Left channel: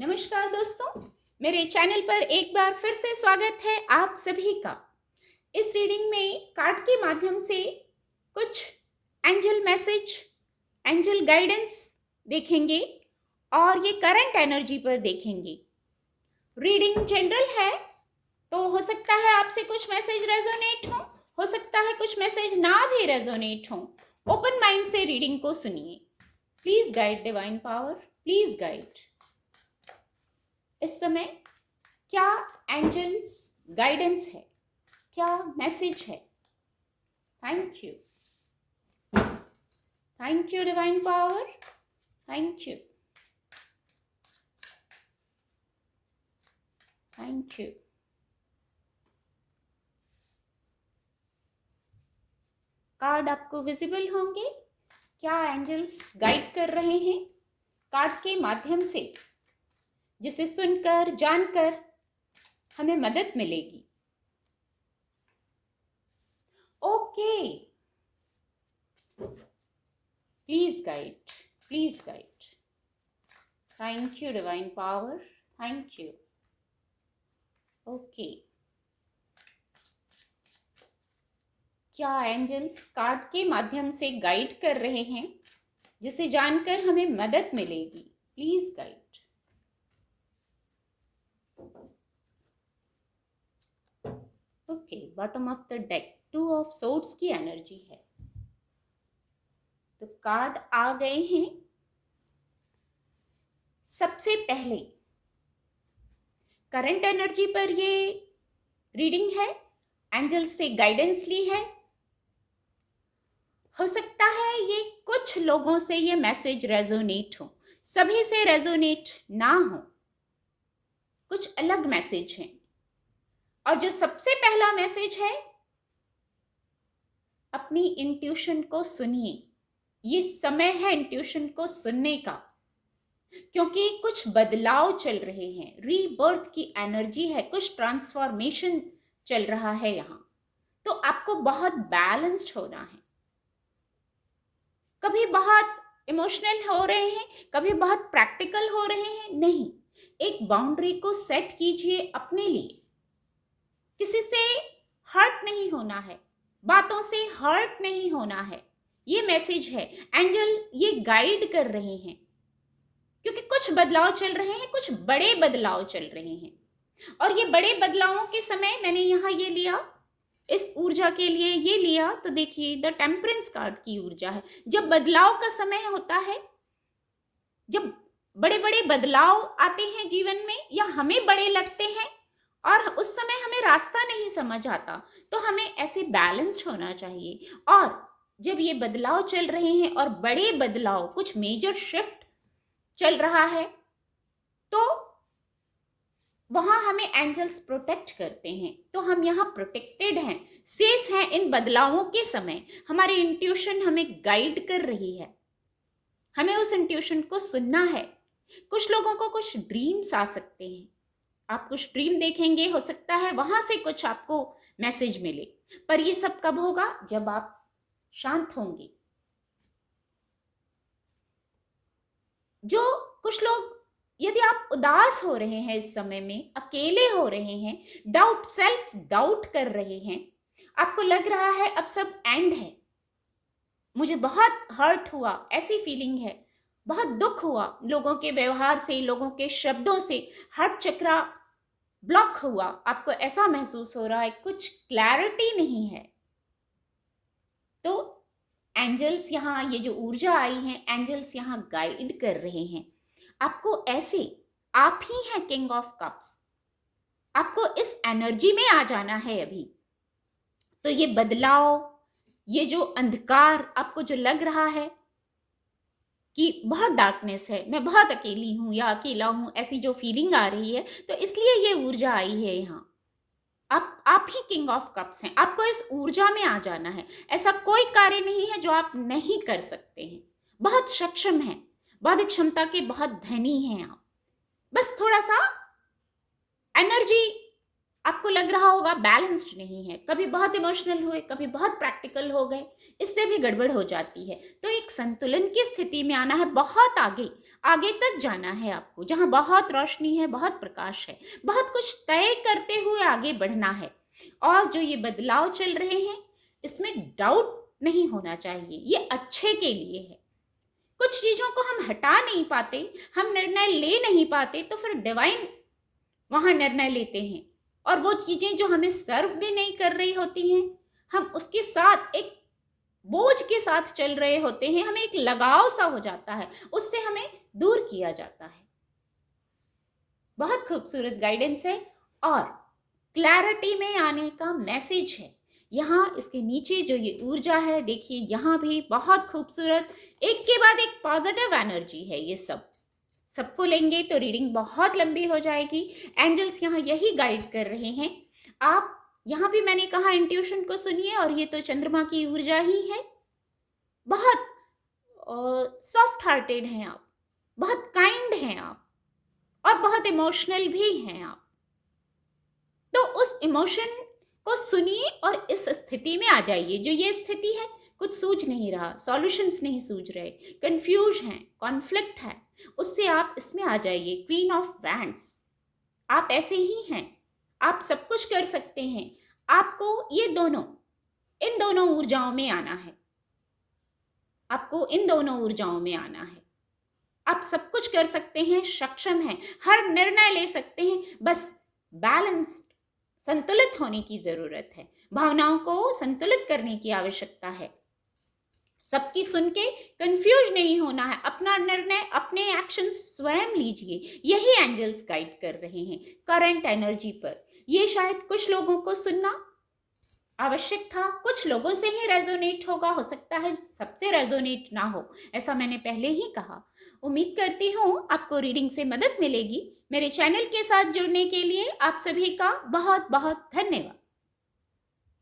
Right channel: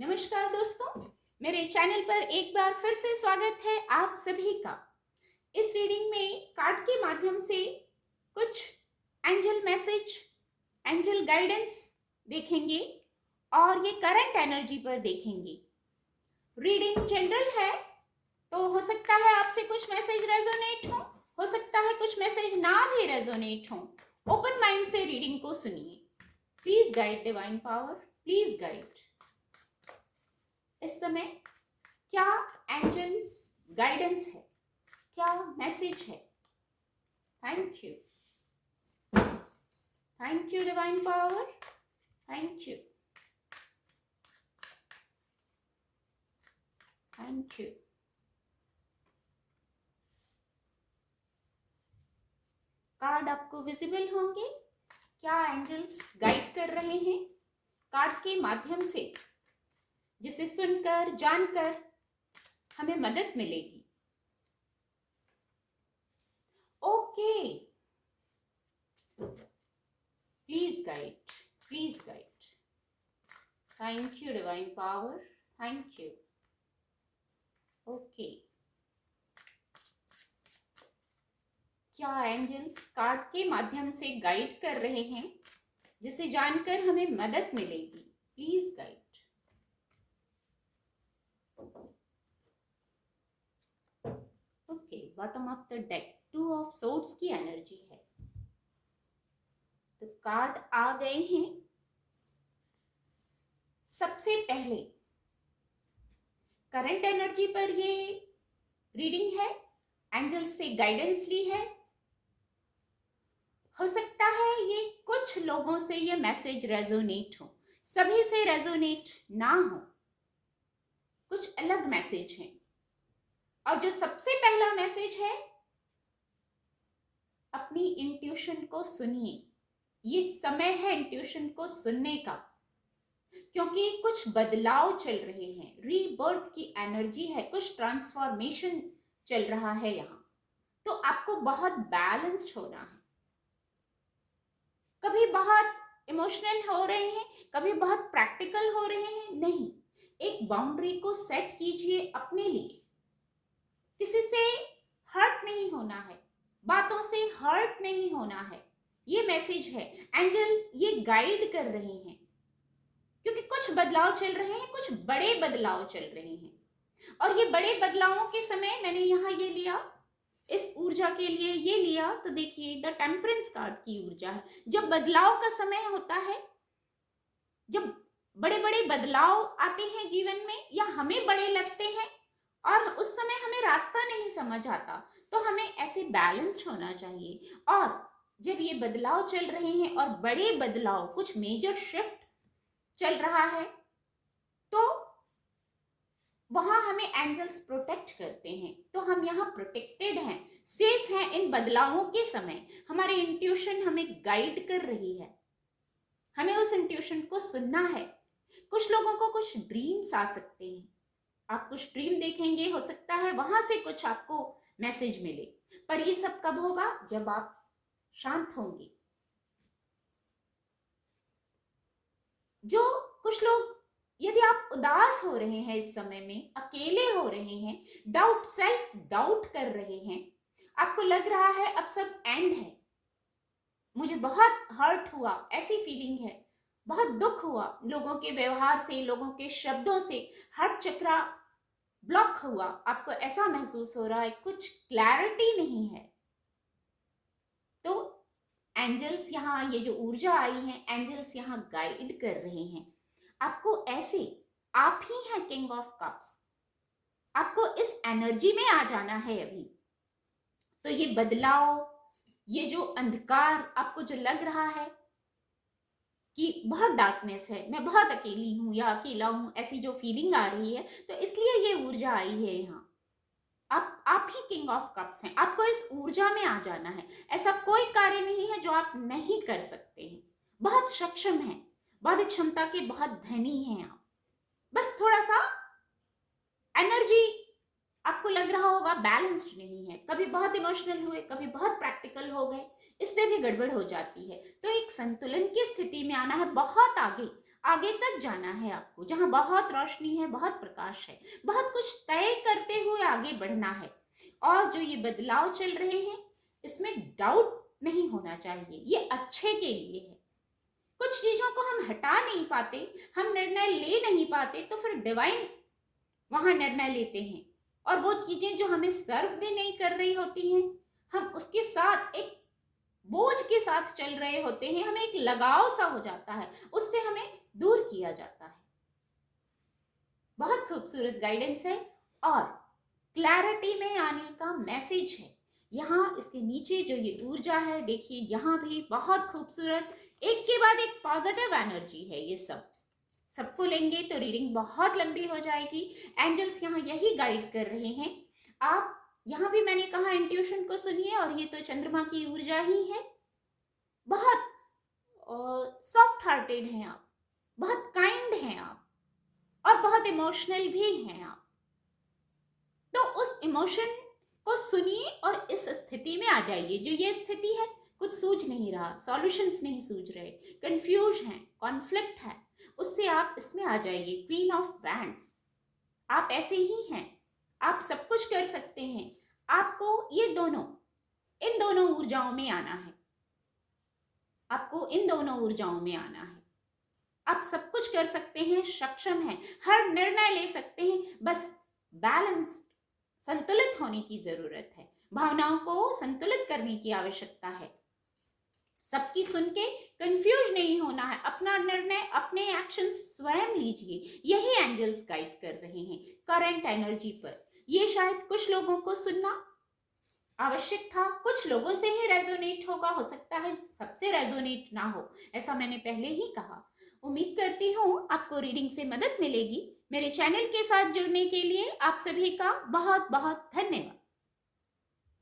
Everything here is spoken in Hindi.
नमस्कार दोस्तों, मेरे चैनल पर एक बार फिर से स्वागत है आप सभी का। इस रीडिंग में कार्ड के माध्यम से कुछ एंजल मैसेज, एंजल गाइडेंस देखेंगे और ये करंट एनर्जी पर देखेंगे। रीडिंग जनरल है तो हो सकता है आपसे कुछ मैसेज रेजोनेट हो सकता है कुछ मैसेज ना भी रेजोनेट हो। ओपन माइंड से रीडिंग को सुनिए। Please guide divine power, please guide. इस समय क्या एंजल्स गाइडेंस है, क्या मैसेज है? Thank you, thank you divine power, thank you, thank you. Card आपको विजिबल होंगे। क्या एंजल्स गाइड कर रहे हैं कार्ड के माध्यम से, जिसे सुनकर जानकर हमें मदद मिलेगी। Okay, please guide, please guide. Thank you divine power, thank you. Okay, क्या एंजल्स कार्ड के माध्यम से गाइड कर रहे हैं जिसे जानकर हमें मदद मिलेगी? Please guide. Okay, bottom of the deck 2 of swords की एनर्जी है, तो कार्ड आ गए हैं। सबसे पहले करंट एनर्जी पर ये रीडिंग है, एंजल से गाइडेंस ली है। हो सकता है ये कुछ लोगों से ये मैसेज रेजोनेट हो, सभी से रेजोनेट ना हो, कुछ अलग मैसेज हैं। और जो सबसे पहला मैसेज है, अपनी इंट्यूशन को सुनिए। ये समय है इंट्यूशन को सुनने का, क्योंकि कुछ बदलाव चल रहे हैं, रीबर्थ की एनर्जी है, कुछ ट्रांसफॉर्मेशन चल रहा है यहाँ। तो आपको बहुत बैलेंस्ड होना है। कभी बहुत इमोशनल हो रहे हैं, कभी बहुत प्रैक्टिकल हो रहे हैं, नहीं। एक बाउंड्री को सेट कीजिए अपने लिए। किसी से हर्ट नहीं होना है, बातों से हर्ट नहीं होना है। ये मैसेज है, एंजल ये गाइड कर रहे हैं, क्योंकि कुछ बदलाव चल रहे हैं, कुछ बड़े बदलाव चल रहे हैं। और ये बड़े बदलावों के समय मैंने यहाँ ये लिया, इस ऊर्जा के लिए ये लिया, तो देखिए द टेम्परेंस कार्ड की ऊर्जा है। जब बदलाव का समय होता है, जब बड़े बड़े बदलाव आते हैं जीवन में, या हमें बड़े लगते हैं और उस समय हमें रास्ता नहीं समझ आता, तो हमें ऐसे बैलेंस्ड होना चाहिए। और जब ये बदलाव चल रहे हैं और बड़े बदलाव, कुछ मेजर शिफ्ट चल रहा है, तो वहां हमें एंजल्स प्रोटेक्ट करते हैं। तो हम यहाँ प्रोटेक्टेड हैं, सेफ हैं इन बदलावों के समय। हमारी इंट्यूशन हमें गाइड कर रही है, हमें उस इंट्यूशन को सुनना है। कुछ लोगों को कुछ ड्रीम्स आ सकते हैं, आप कुछ ड्रीम देखेंगे, हो सकता है वहां से कुछ आपको मैसेज मिले। पर ये सब कब होगा? जब आप शांत होंगे। जो कुछ लोग, यदि आप उदास हो रहे हैं इस समय में, अकेले हो रहे हैं, डाउट, सेल्फ डाउट कर रहे हैं, आपको लग रहा है अब सब एंड है, मुझे बहुत हर्ट हुआ, ऐसी फीलिंग है, बहुत दुख हुआ लोगों के व्यवहार से, लोगों के शब्दों से, हार्ट चक्रा ब्लॉक हुआ, आपको ऐसा महसूस हो रहा है, कुछ क्लैरिटी नहीं है, तो एंजल्स यहाँ, ये जो ऊर्जा आई है, एंजल्स यहाँ गाइड कर रहे हैं आपको। ऐसे आप ही हैं किंग ऑफ कप्स, आपको इस एनर्जी में आ जाना है अभी। तो ये बदलाव, ये जो अंधकार आपको जो लग रहा है कि बहुत डार्कनेस है, मैं बहुत अकेली हूं या अकेला हूं, ऐसी जो फीलिंग आ रही है, तो इसलिए ये ऊर्जा आई है यहाँ। आप ही किंग ऑफ कप्स हैं, आपको इस ऊर्जा में आ जाना है। ऐसा कोई कार्य नहीं है जो आप नहीं कर सकते हैं, बहुत सक्षम हैं, बौद्धिक क्षमता के बहुत धनी हैं आप। बस थोड़ा सा एनर्जी आपको लग रहा होगा बैलेंस्ड नहीं है, कभी बहुत इमोशनल हुए, कभी बहुत प्रैक्टिकल हो गए, इससे भी गड़बड़ हो जाती है। तो एक संतुलन की स्थिति में आना है, बहुत आगे आगे तक जाना है आपको, जहाँ बहुत रोशनी है, बहुत प्रकाश है, बहुत कुछ तय करते हुए आगे बढ़ना है। और जो ये बदलाव चल रहे हैं, इसमें डाउट नहीं होना चाहिए, ये अच्छे के लिए है। कुछ चीज़ों को हम हटा नहीं पाते, हम निर्णय ले नहीं पाते, तो फिर डिवाइन वहाँ निर्णय लेते हैं। और वो चीज़ें जो हमें सर्व भी नहीं कर रही होती हैं, हम उसके साथ एक बोझ के साथ चल रहे होते हैं, हमें एक लगाव सा हो जाता है, उससे हमें दूर किया जाता है। बहुत खूबसूरत गाइडेंस है और क्लैरिटी में आने का मैसेज है। यहाँ इसके नीचे जो ये ऊर्जा है, देखिए यहाँ भी बहुत खूबसूरत, एक के बाद एक पॉजिटिव एनर्जी है। ये सबको लेंगे तो रीडिंग बहुत लंबी हो जाएगी। एंजल्स यहाँ यही गाइड कर रहे हैं। आप यहाँ भी मैंने कहा इंट्यूशन को सुनिए, और ये तो चंद्रमा की ऊर्जा ही है। बहुत सॉफ्ट हार्टेड हैं आप, बहुत काइंड हैं आप, और बहुत इमोशनल भी हैं आप। तो उस इमोशन को सुनिए और इस स्थिति में आ जाइए। जो ये स्थिति है, कुछ सूझ नहीं रहा, सॉल्यूशंस नहीं सूझ रहे, कंफ्यूज हैं, कॉन्फ्लिक्ट है, उससे आप इसमें आ जाइए। क्वीन ऑफ वैंड्स, आप ऐसे ही हैं, आप सब कुछ कर सकते हैं। आपको ये दोनों, इन दोनों ऊर्जाओं में आना है। आपको इन दोनों ऊर्जाओं में आना है। आप सब कुछ कर सकते हैं, सक्षम हैं, हर निर्णय ले सकते हैं। बस बैलेंस्ड, संतुलित होने की जरूरत है। भावनाओं को संतुलित करने की आवश्यकता है। सबकी सुन के कंफ्यूज नहीं होना है। अपना निर्णय, अपने एक्शन स्वयं लीजिए। यही एंजल्स गाइड कर रहे हैं करंट एनर्जी पर। ये शायद कुछ लोगों को सुनना आवश्यक था, कुछ लोगों से ही रेजोनेट होगा, हो सकता है सबसे रेजोनेट ना हो, ऐसा मैंने पहले ही कहा। उम्मीद करती हूँ आपको रीडिंग से मदद मिलेगी। मेरे चैनल के साथ जुड़ने के लिए आप सभी का बहुत बहुत धन्यवाद।